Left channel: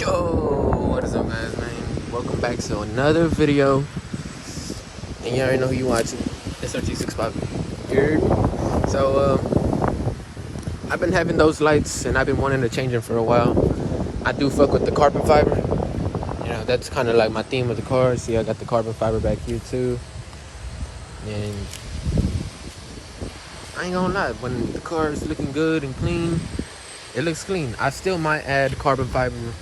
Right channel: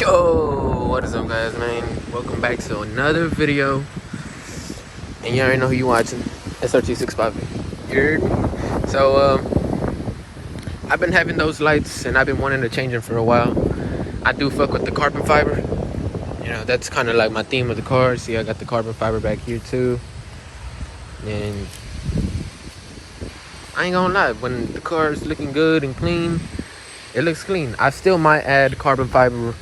Yo, what is up, guys, man? Welcome back to another video. And you already know who you watching. SRT650. You heard? So, I've been having those lights and I've been wanting to change them for a while. I do fuck with the carbon fiber. You know, that's kind of like my theme of the car. See, I got the carbon fiber back here too. And I ain't gonna lie, when the car is looking good and clean, it looks clean. I still might add carbon fiber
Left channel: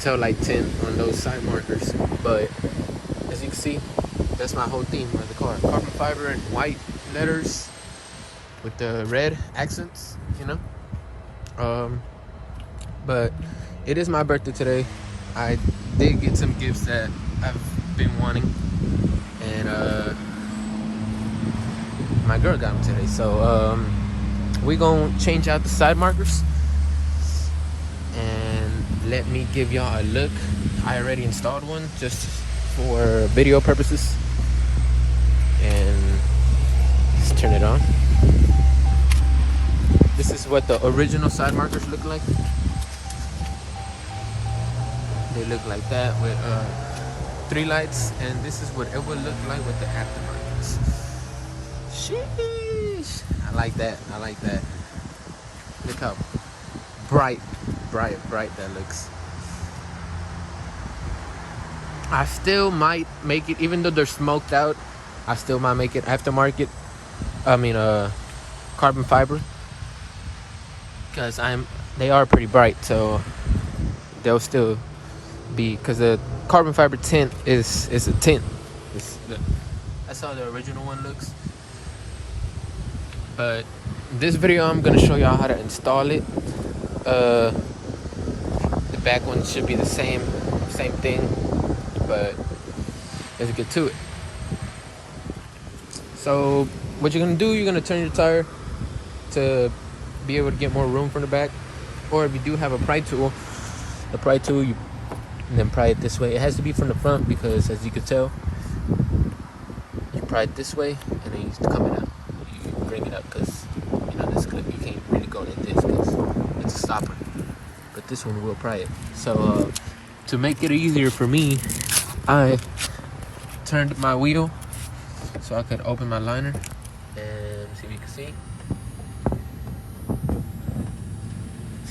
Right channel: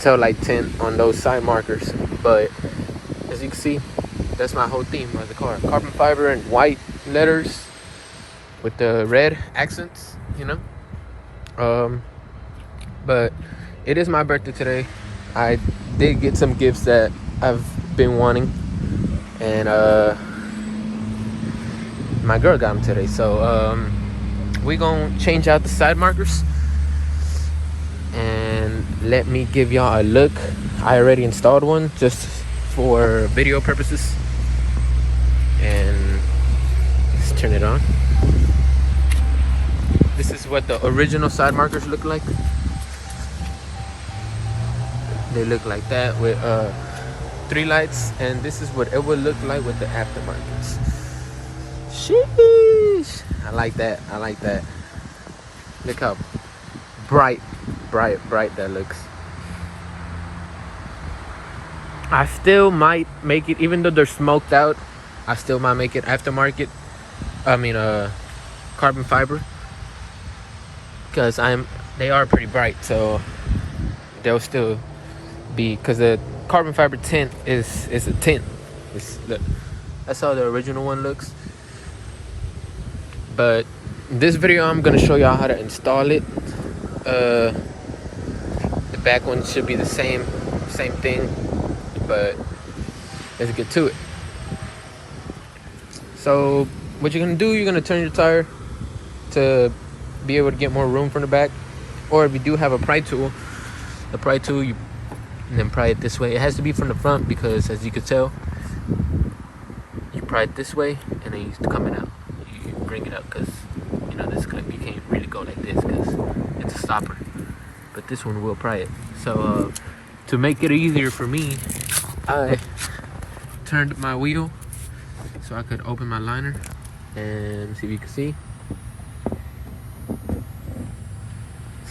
tail light tint on those side markers, but as you can see, that's my whole theme of the car. Carbon fiber and white letters with the red accents, you know. But it is my birthday today. I did get some gifts that I've been wanting, and my girl got them today. So we gonna change out the side markers and let me give y'all a look. I already installed one just for video purposes, and let's turn it on. This is what the original side markers look like. They look like that with 3 lights, and this is what it would look like with the aftermarkets. Sheesh, I like that. I like that. Look how bright that looks. I still might make it, even though they're smoked out, I still might make it aftermarket. I mean carbon fiber, because they are pretty bright, so they'll still be, because the carbon fiber tint is a tint. Look, that's how the original one looks. But in this video, I'm gonna show y'all how to install it. The back one should be the same thing, but let's get to it. So what you're gonna do, you're gonna turn your tire to be able to get more room from the back, or if you do have a pry tool, you then pry it this way. It has to be from the front, because as you can tell, you pry it this way and then you come it out. You bring it up, because you know this clip, you can't really go like this because it's a stopper, but this one will pry it. So to make it easier for me, I turned my wheel so I could open my liner, and see if you can see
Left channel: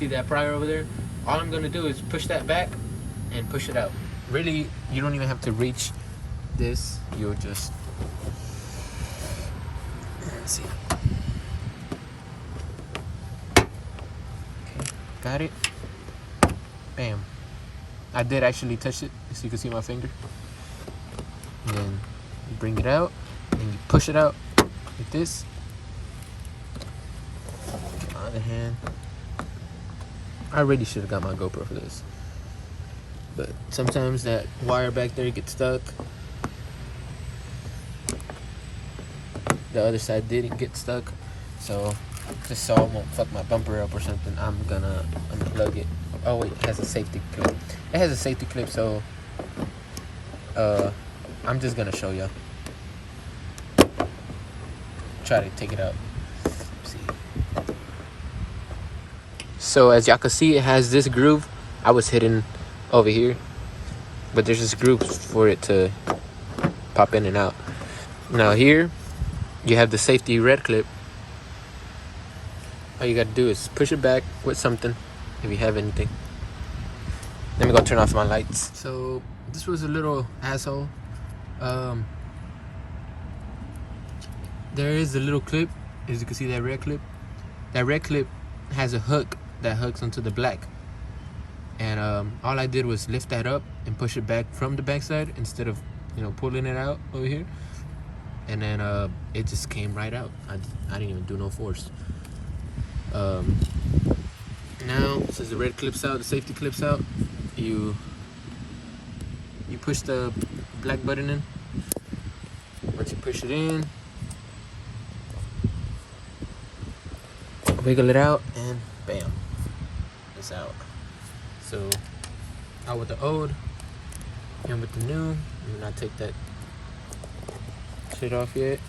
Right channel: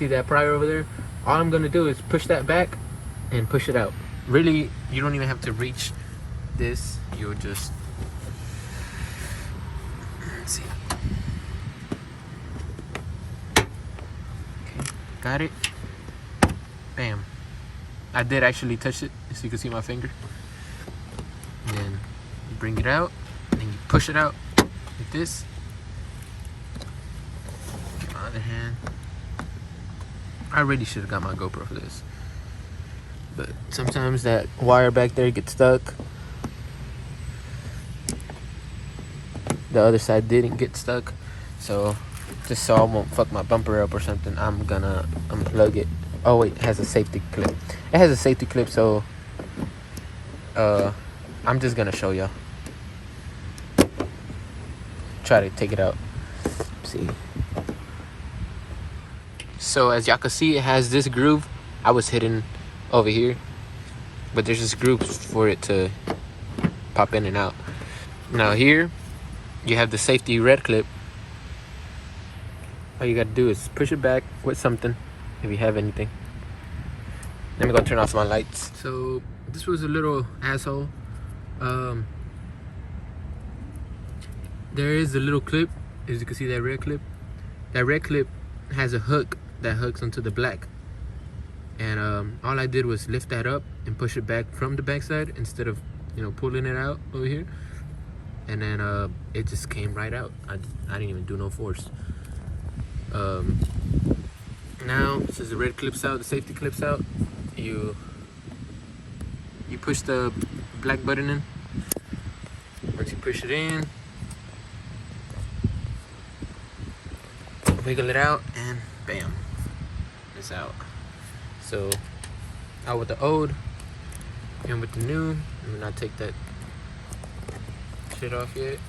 that prior over there. All I'm gonna do is push that back and push it out. Really, you don't even have to reach this. You'll just, let's see. Okay, got it. Bam. I did actually touch it, so you can see my finger. And then you bring it out and you push it out like this. On the other hand, I really should have got my GoPro for this, but sometimes that wire back there gets stuck. The other side didn't get stuck, so just so I won't fuck my bumper up or something, I'm gonna unplug it. Oh wait, it has a safety clip. It has a safety clip, so I'm just gonna show y'all. Try to take it out. See. So as y'all can see, it has this groove. I was hidden over here, but there's this groove for it to pop in and out. Now here, you have the safety red clip. All you gotta do is push it back with something, if you have anything. Let me go turn off my lights. So this was a little asshole. There is a little clip, as you can see, that red clip. That red clip has a hook that hooks onto the black, and all I did was lift that up and push it back from the backside instead of, you know, pulling it out over here, and then it just came right out. I didn't even do no force. Now since the red clip's out, the safety clip's out, you push the black button in. Once you push it in, wiggle it out, and bam, it's out. So out with the old and with the new. Let me not take that shit off yet.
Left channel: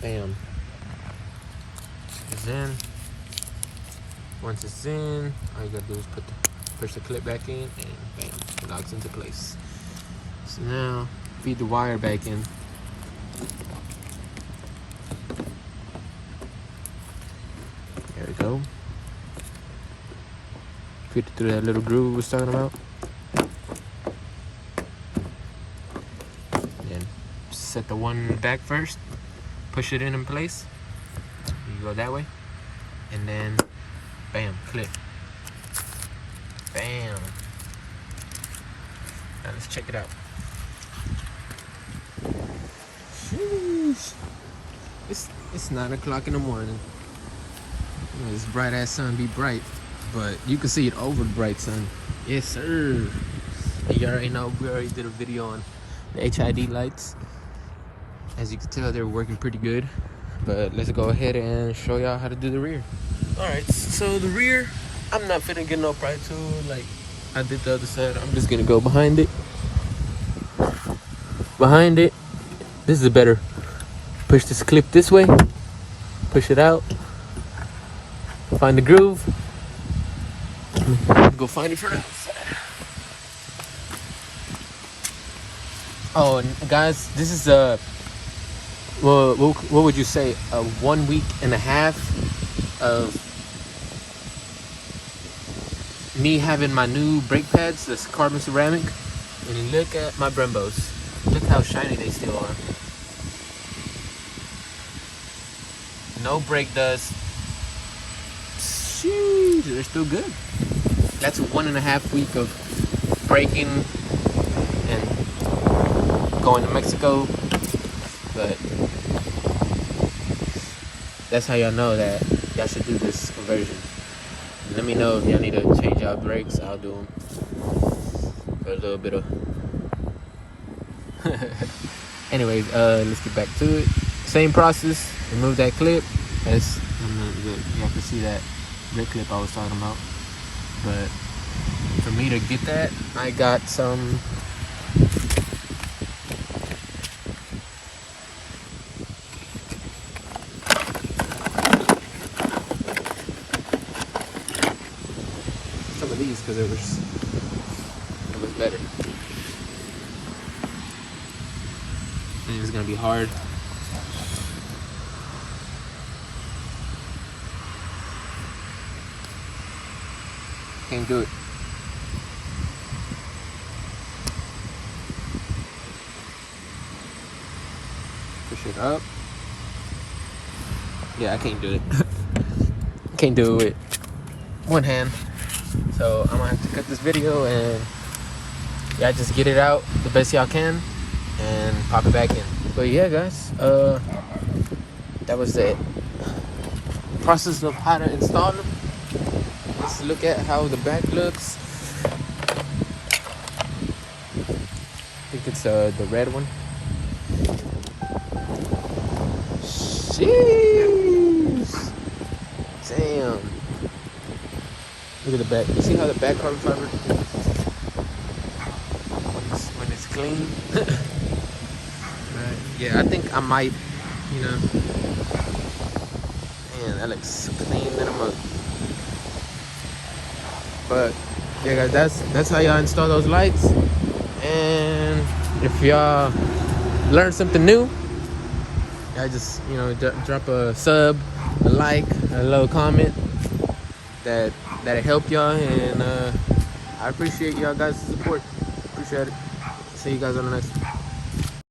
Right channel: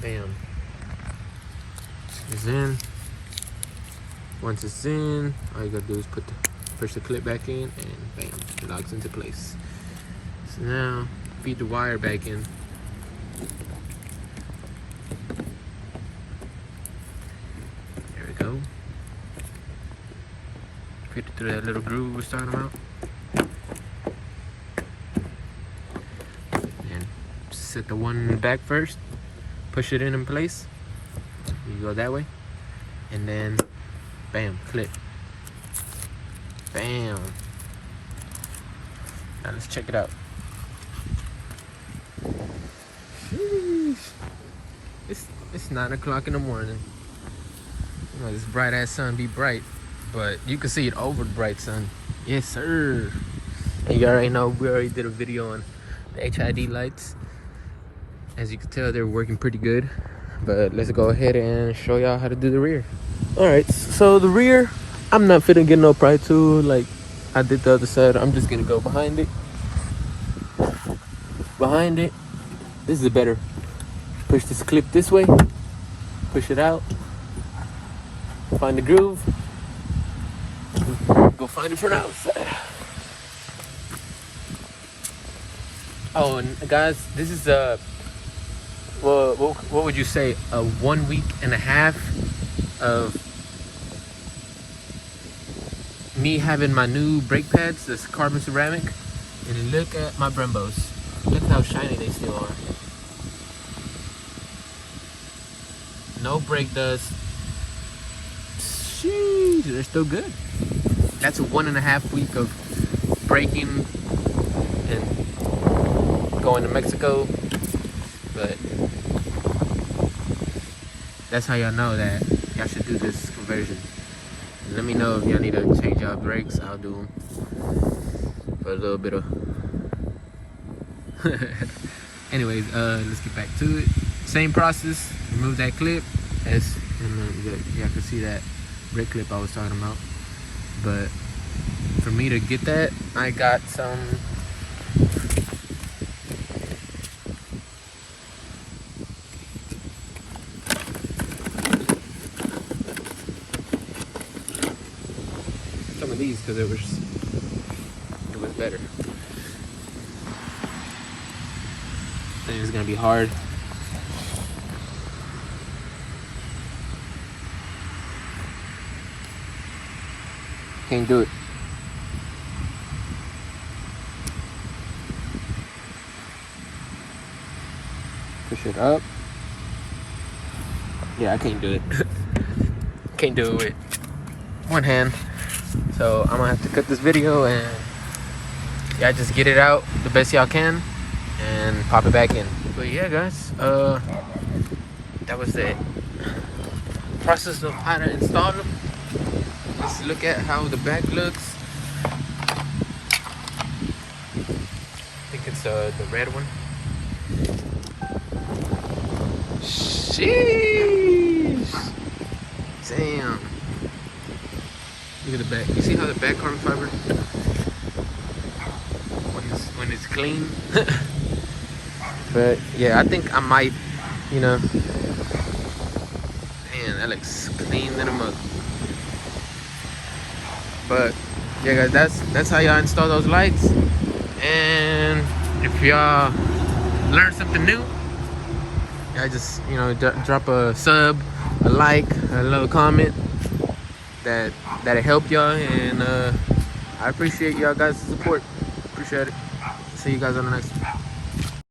Bam, it's in. Once it's in, all you gotta do is put the push the clip back in, and bam, it locks into place. So now feed the wire back in. There we go. Feed it through that little groove we was talking about. And set the one in the back first. Push it in place. You go that way. And then bam, clip. Bam. Now let's check it out. Sheesh. It's 9 o'clock in the morning. You know, this bright ass sun be bright, but you can see it over the bright sun. Yes, sir. And you already know we already did a video on HID lights. As you can tell, they're working pretty good. But let's go ahead and show y'all how to do the rear. Alright, so the rear, I'm not finna get no pry tool like I did the other side. I'm just gonna go behind it. Behind it, this is better. Push this clip this way, push it out, find the groove, go find it from outside. Oh, and guys, this is a, well, what would you say, a 1 week and a half of me having my new brake pads, this carbon ceramic. And look at my Brembos. Look how shiny they still are. No brake dust. Sheesh, they're still good. That's a 1.5 week of braking and going to Mexico. But that's how y'all know that y'all should do this conversion. And let me know if y'all need to change out brakes. I'll do them for a little bit of. Anyways, let's get back to it. Same process. Remove that clip. You have to see that brake clip I was talking about. But for me to get that, I got some. Some of these because it was better. I think it's gonna be hard. Can't do it. Push it up. Yeah, I can't do it. Can't do it with one hand. So I'm gonna have to cut this video and yeah, just get it out the best y'all can and pop it back in. So yeah, guys, that was the process of how to install them. Let's look at how the back looks. I think it's the red one. Jeez! Damn. Look at the back. You see how the back carbon fiber, when it's clean? But yeah, I think I might, you know. Man, that looks clean in them up. But yeah, guys, that's how y'all install those lights. And if y'all learned something new, I just, you know, drop a sub, a like, a little comment that'll help y'all. And I appreciate y'all guys' support. Appreciate it. See you guys on the next one.